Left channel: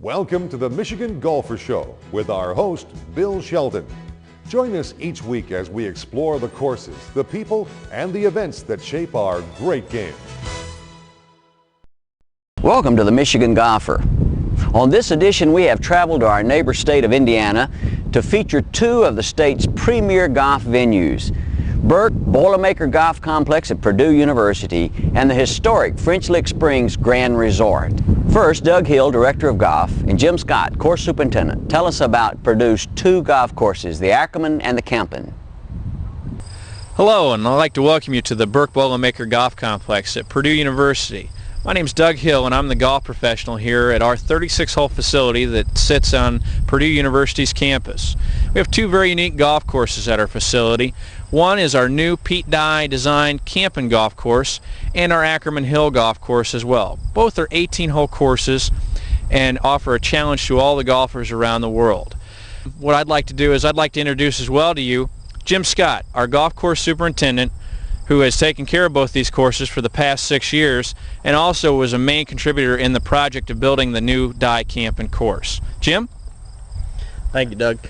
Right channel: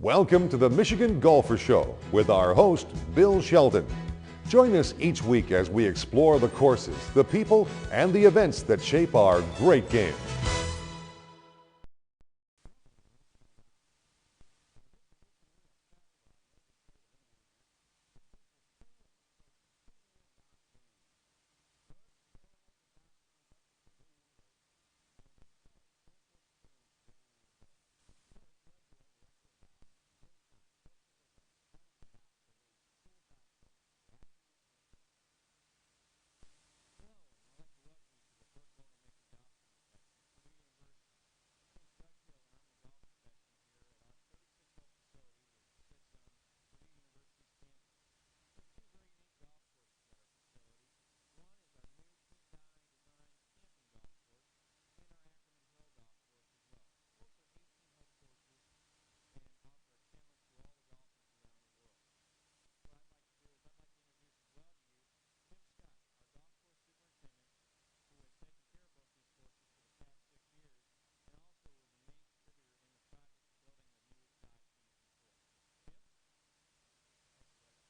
Welcome to the Michigan Golfer Show with our host, Bill Sheldon. Join us each week as we explore the courses, the people, and the events that shape our great game. Welcome to the Michigan Golfer. On this edition, we have traveled to our neighbor state of Indiana to feature two of the state's premier golf venues, Birck Boilermaker Golf Complex at Purdue University and the historic French Lick Springs Grand Resort. First, Doug Hill, Director of Golf, and Jim Scott, Course Superintendent, tell us about Purdue's two golf courses, the Ackerman and the Campen. Hello, and I'd like to welcome you to the Birck Boilermaker Golf Complex at Purdue University. My name is Doug Hill, and I'm the golf professional here at our 36-hole facility that sits on Purdue University's campus. We have two very unique golf courses at our facility. One is our new Pete Dye designed Campen golf course and our Ackerman Hill golf course as well. Both are 18-hole courses and offer a challenge to all the golfers around the world. What I'd like to do is I'd like to introduce as well to you Jim Scott, our golf course superintendent, who has taken care of both these courses for the past 6 years and also was a main contributor in the project of building the new Dye Campen course. Jim? Thank you, Doug.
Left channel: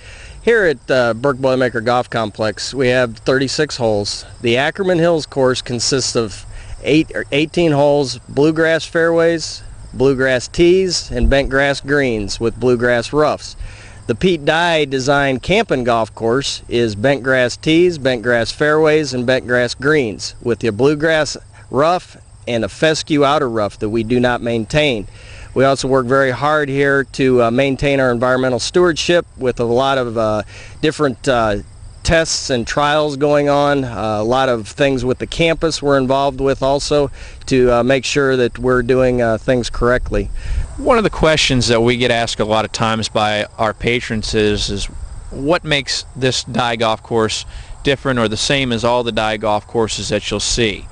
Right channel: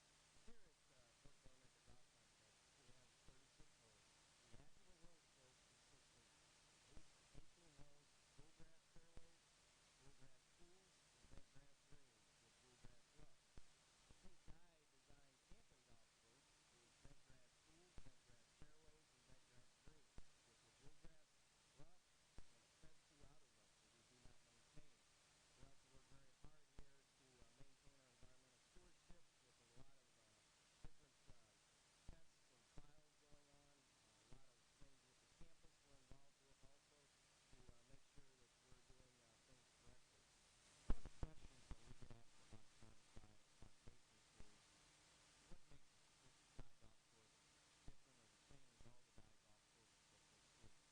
Here at Birck Boilermaker Golf Complex, we have 36 holes. The Ackerman Hills course consists of 18 holes, bluegrass fairways, bluegrass tees, and bent grass greens with bluegrass roughs. The Pete Dye designed Campen golf course is bent grass tees, bent grass fairways, and bent grass greens with the bluegrass rough and a fescue outer rough that we do not maintain. We also work very hard here to maintain our environmental stewardship with a lot of different tests and trials going on. A lot of things with the campus we're involved with also to make sure that we're doing things correctly. One of the questions that we get asked a lot of times by our patrons is what makes this Dye golf course different or the same as all the Dye golf courses that you'll see.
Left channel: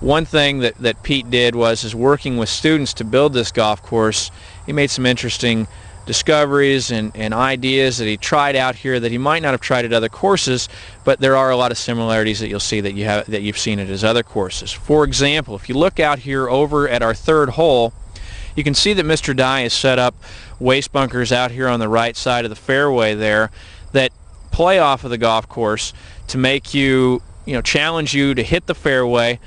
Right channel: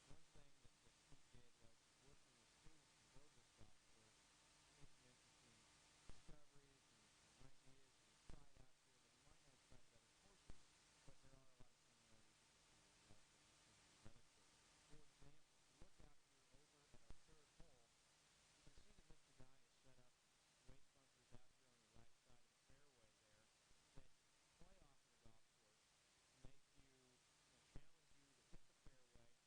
One thing that Pete did was working with students to build this golf course. He made some interesting discoveries and ideas that he tried out here that he might not have tried at other courses, but there are a lot of similarities that you'll see that you've seen at his other courses. For example, if you look out here over at our third hole, you can see that Mr. Dye has set up waste bunkers out here on the right side of the fairway there that play off of the golf course to make you challenge you to hit the fairway,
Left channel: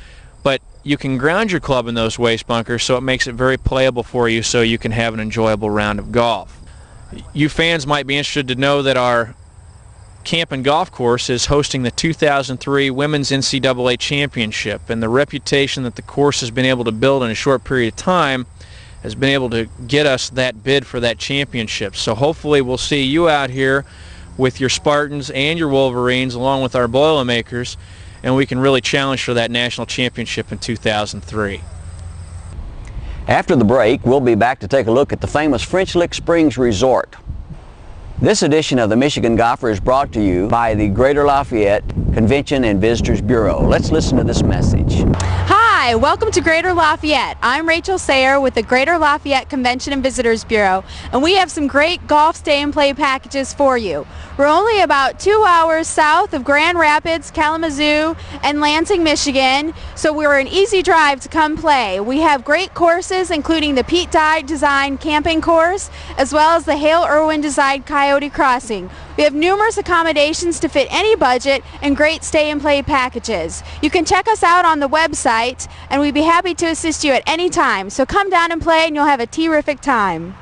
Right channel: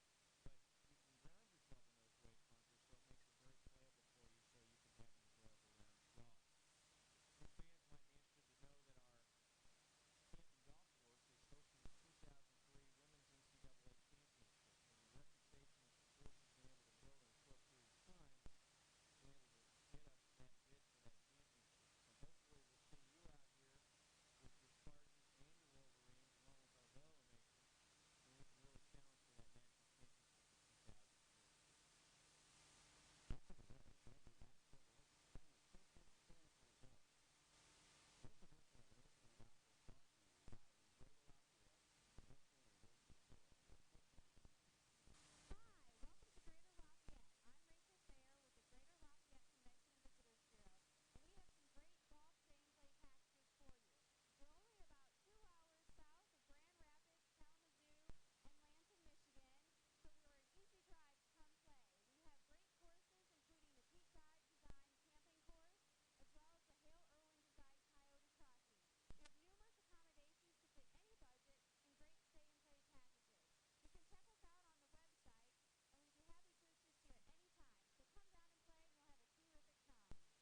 but you can ground your club in those waste bunkers, so it makes it very playable for you so you can have an enjoyable round of golf. You fans might be interested to know that our Campen golf course is hosting the 2003 Women's NCAA Championship, and the reputation that the course has been able to build in a short period of time has been able to get us that bid for that championship. So hopefully we'll see you out here with your Spartans and your Wolverines along with our Boilermakers, and we can really challenge for that national championship in 2003. After the break, we'll be back to take a look at the famous French Lick Springs Resort. This edition of the Michigan Golfer is brought to you by the Greater Lafayette Convention and Visitors Bureau. Let's listen to this message. Hi, welcome to Greater Lafayette. I'm Rachel Sayer with the Greater Lafayette Convention and Visitors Bureau, and we have some great golf stay and play packages for you. We're only about 2 hours south of Grand Rapids, Kalamazoo, and Lansing, Michigan, so we're an easy drive to come play. We have great courses including the Pete Dye designed Campen course as well as the Hale Irwin designed Coyote Crossing. We have numerous accommodations to fit any budget and great stay and play packages. You can check us out on the website, and we'd be happy to assist you at any time. So come down and play and you'll have a terrific time.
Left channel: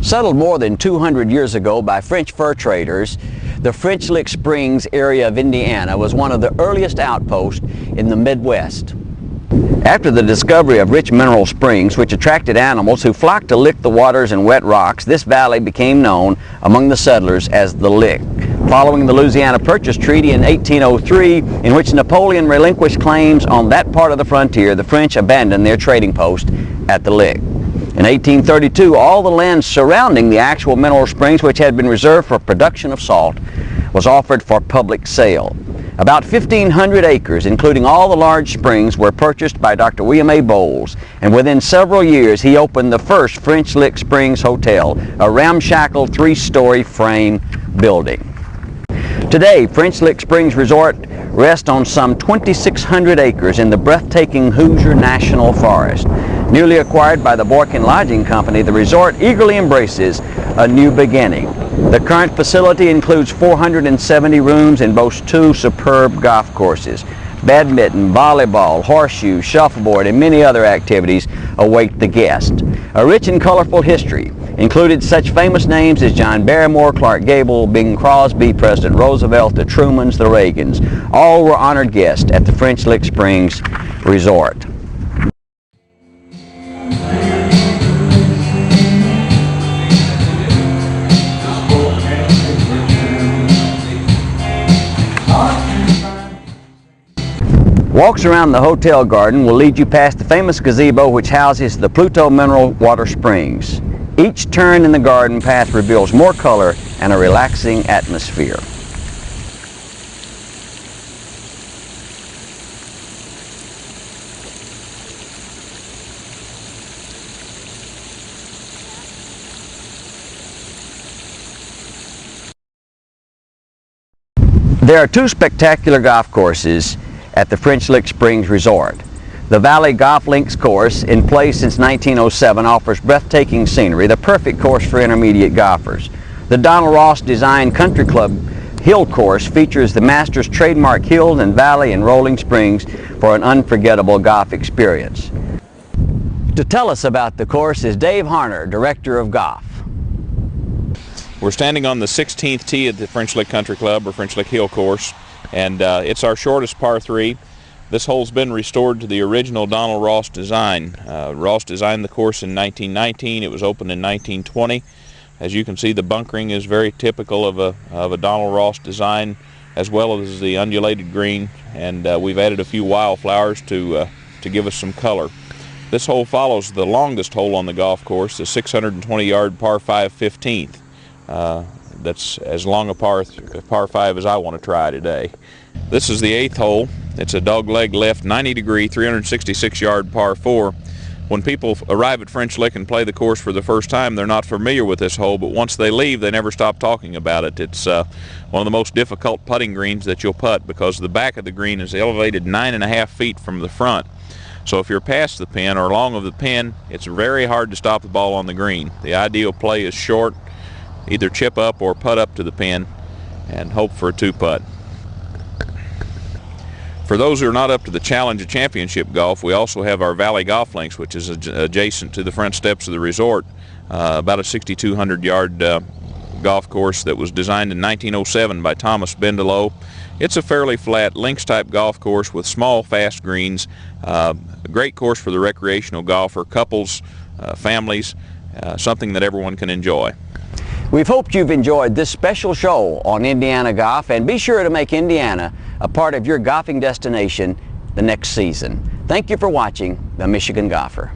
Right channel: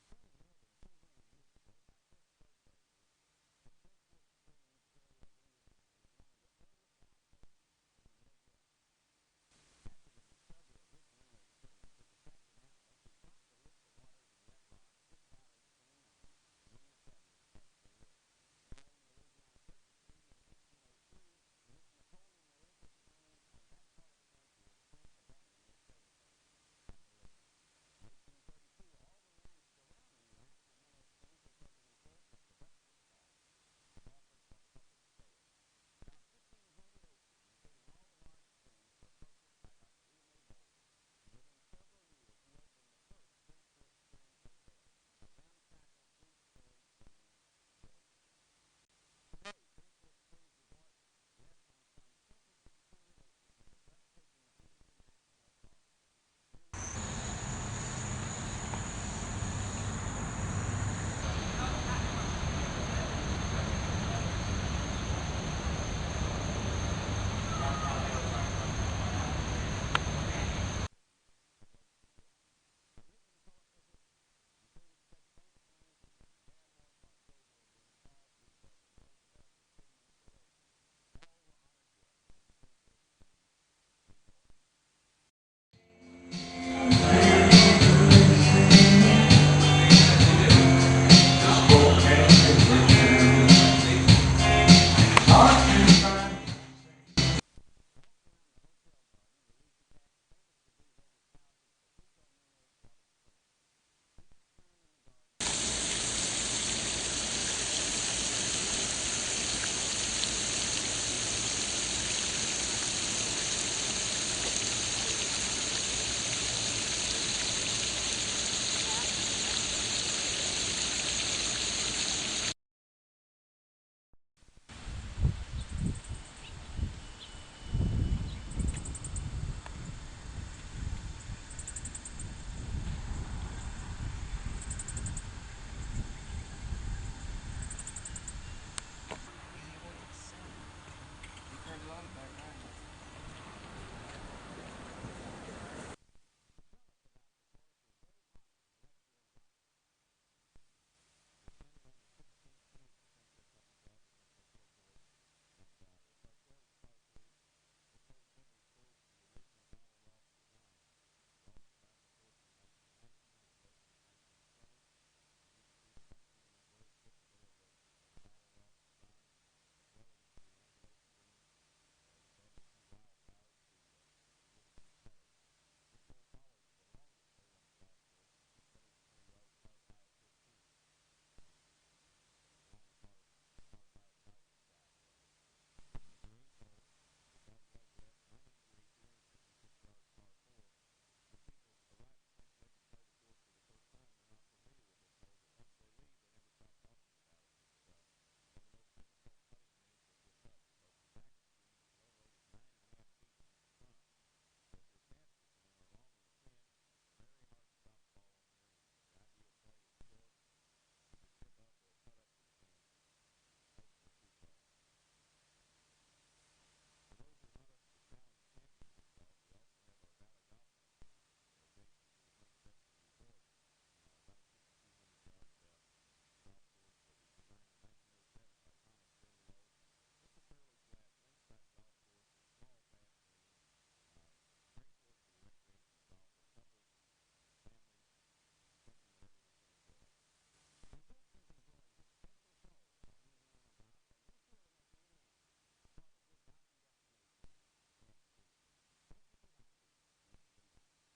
Settled more than 200 years ago by French fur traders, the French Lick Springs area of Indiana was one of the earliest outposts in the Midwest. After the discovery of rich mineral springs which attracted animals who flocked to lick the waters and wet rocks, this valley became known among the settlers as the Lick. Following the Louisiana Purchase Treaty in 1803, in which Napoleon relinquished claims on that part of the frontier, the French abandoned their trading post at the Lick. In 1832, all the land surrounding the actual mineral springs, which had been reserved for production of salt, was offered for public sale. About 1,500 acres, including all the large springs, were purchased by Dr. William A. Bowles, and within several years he opened the first French Lick Springs Hotel, a ramshackle 3-story frame building. Today, French Lick Springs Resort rests on some 2,600 acres in the breathtaking Hoosier National Forest. Newly acquired by the Boykin Lodging Company, the resort eagerly embraces a new beginning. The current facility includes 470 rooms and boasts 2 superb golf courses. Badminton, volleyball, horseshoe, shuffleboard, and many other activities await the guest. A rich and colorful history included such famous names as John Barrymore, Clark Gable, Bing Crosby, President Roosevelt, the Trumans, the Reagans. All were honored guests at the French Lick Springs Resort. Walks around the hotel garden will lead you past the famous gazebo which houses the Pluto Mineral Water Springs. Each turn in the garden path reveals more color and a relaxing atmosphere. There are 2 spectacular golf courses at the French Lick Springs Resort. The Valley Golf Links course, in place since 1907, offers breathtaking scenery, the perfect course for intermediate golfers. The Donald Ross designed Country Club Hill course features the Masters trademark hill and valley and rolling springs for an unforgettable golf experience. To tell us about the course is Dave Harner, Director of Golf. We're standing on the 16th tee at the French Lick Country Club, or French Lick Hill course, and it's our shortest par 3. This hole's been restored to the original Donald Ross design. Ross designed the course in 1919. It was opened in 1920. As you can see, the bunkering is very typical of a Donald Ross design, as well as the undulated green, and we've added a few wildflowers to give us some color. This hole follows the longest hole on the golf course, the 620-yard par 5 15th. That's as long a par 5 as I want to try today. This is the 8th hole. It's a dogleg left 90-degree, 366-yard par 4. When people arrive at French Lick and play the course for the first time, they're not familiar with this hole, but once they leave, they never stop talking about it. It's one of the most difficult putting greens that you'll putt because the back of the green is elevated 9.5 feet from the front. So if you're past the pin or long of the pin, it's very hard to stop the ball on the green. The ideal play is short, either chip up or putt up to the pin and hope for a 2-putt. For those who are not up to the challenge of championship golf, we also have our Valley Golf Links, which is adjacent to the front steps of the resort, about a 6,200-yard golf course that was designed in 1907 by Thomas Bendelow. It's a fairly flat links-type golf course with small, fast greens. A great course for the recreational golfer, couples, families, something that everyone can enjoy. We've hoped you've enjoyed this special show on Indiana Golf, and be sure to make Indiana a part of your golfing destination the next season. Thank you for watching The Michigan Golfer.